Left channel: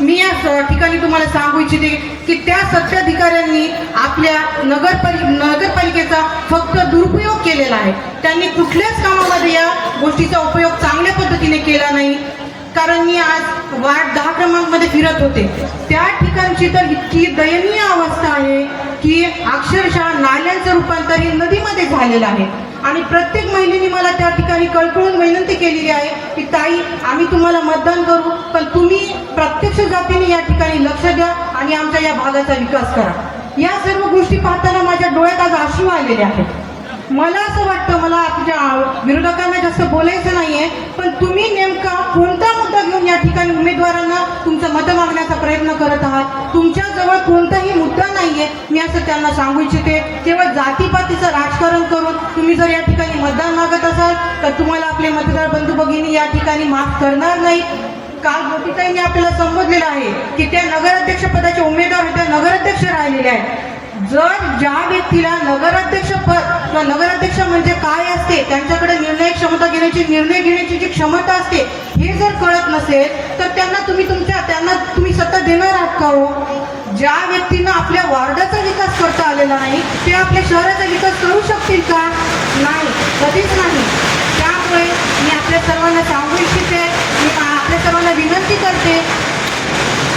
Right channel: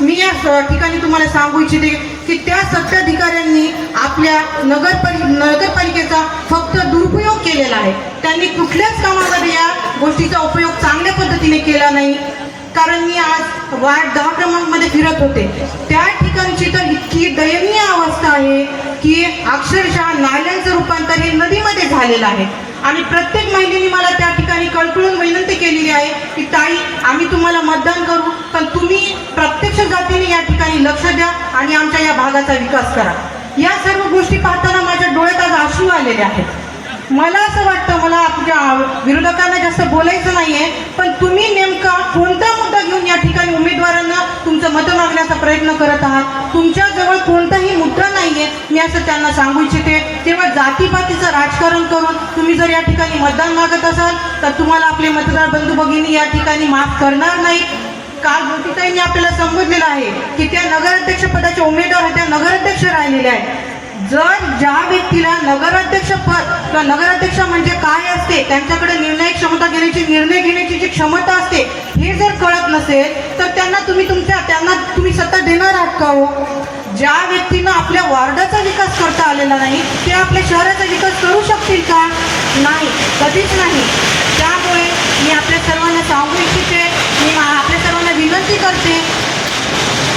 मी या ठिकाणी तुम्हाला सांगू इच्छिते की त्या सत्ताधिकाऱ्यांनी आपल्या नगरपालिकेचा फक्त दुरुपयोग केलेला आहे. त्यांनी कुठल्याच कामामध्ये या गोष्टीचा उपयोग चांगल्या पद्धतीने केला नाही. कारण मी आज वार्ड 10 क्रमांकमध्ये फिरत होते, त्या ठिकाणची तर इतकी दयनीय अवस्था आहे की अक्षरशः नाल्यांचं रूपांतर हे नदीमध्ये झालेलं आहे. आणि प्रत्येक महिलेने मला त्या ठिकाणी कळकळून विनंती केलेली आहे की ताई, आम्ही तुम्हाला मतदान करू, पण तुम्ही प्रत्यक्ष जातीने या ठिकाणी लक्ष द्या आणि आमच्या या भागाचा विकास करा. या सर्व गोष्टी पाहताना माझ्या डोळ्यात आज अश्रू आलेले आहेत. मला असं वाटतं, मला आपल्या विरोधकांना जास्त बोलायचं नाहीये, पण तुम्ही नेमका कोणता मुद्दा घेऊन या ठिकाणी उमेदवारांना तुमचं मत मागण्याचा प्रयत्न करत आहात? तुमच्याजवळ कोणताही मुद्दा नाहीये. मी असं त्यांना सांगू इच्छिते, केवळ जातीपातीचं राजकारण करून तुम्ही जर या ठिकाणी मतदान मागत असाल तर तुम्हाला आपले मतदार बंधू भगिनी या ठिकाणी माफ करणार नाही. काल मोठीताईंनी आपल्याला संबोधलेलं आहे की त्या नगराध्यक्ष पदाचे उमेदवार त्या नगराध्यक्ष राहिलेले आहेत. जर ज्या व्यक्तीला नगराध्यक्ष पद किंवा नगराध्यक्ष म्हणजे काय असते, त्यांच्याकडे निर्णय घेण्याची जी क्षमता असते हे जर कळत नसेल तर त्यांना तुम्ही सत्ता देणार आहात का हो? ज्या व्यक्तीनं आपल्या वार्डाचा विकास करता आलेला नाही ते आपल्या शहराचा विकास करू शकतील का? नाही, कधीच नाही. त्यामुळे मी आपल्या सर्वांना सांगू इच्छिते, मी आपल्या सर्वांना विनंती करते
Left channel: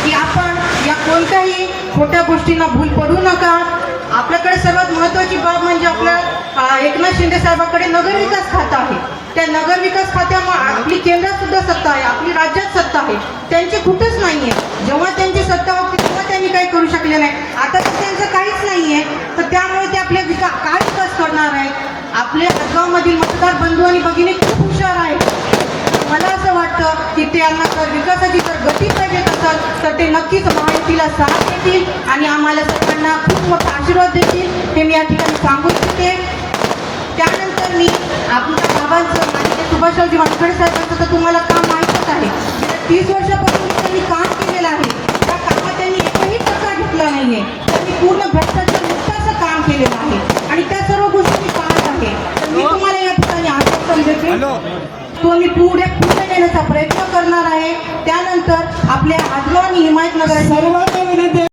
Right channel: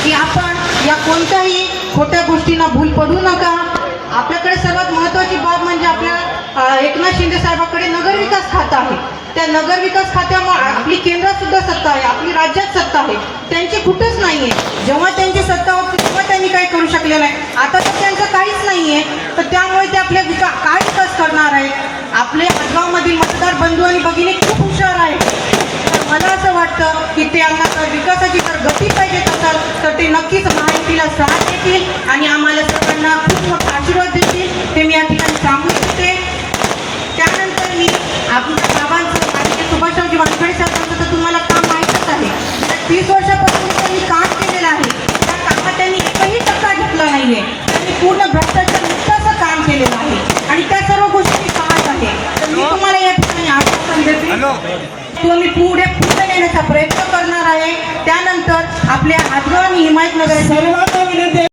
की आपण या कोणत्याही खोट्या गोष्टींना भूल पडू नका. आपल्याकडे सर्वात महत्त्वाची बाब म्हणजे आपल्या एकनाथ शिंदे साहेबांकडे नगरविकास खातं आहे. त्या नगरविकास खात्यामुळे आपली केंद्रात सुद्धा सत्ता आहे, आपली राज्यात सत्ता आहे, त्यांची कुठंच नाहीये. जेव्हा त्यांची सत्ता होती तेव्हा त्यांनी काही करू शकले नाही, आता तर त्यांचं काहीच नाहीये. तर त्यामुळे ते आपल्या काय विकास करणार आहे? आपल्या हदगावमधील मतदार बंधू आणि भगिनी खूप हुशार आहेत. मला असं वाटतं की त्यांना जर विकासाची जर गती पाहिजे असेल तर ते नक्कीच महायुतीला साथ देतील आणि आम्हाला सगळ्यांना खूप मोठा आशीर्वाद देतील, हे मी या ठिकाणी सांगू इच्छिते. त्यानंतर मी आपल्या बाबांचं आणि सुभाषरावजी वानखडे साहेबांचं तर तुम्हाला काम माहीतच आहे. 30 वर्षापासून त्यांनी काम केलेलं आहे. त्या कामात त्यांनी एकही टक्का घेतला नाहीये. त्यांनी पूर्ण भ्रष्टाचार मुक्ताचं काम केलेलं आहे आणि त्या सर्व गोष्टी मी पाहत आहे. तर मी तुम्हाला या ठिकाणी आश्वासन देते तो मी पुढे येण्याचा प्रयत्न करणार आहे. त्यानंतर आपल्या हदगाव आणि हिमायतनगर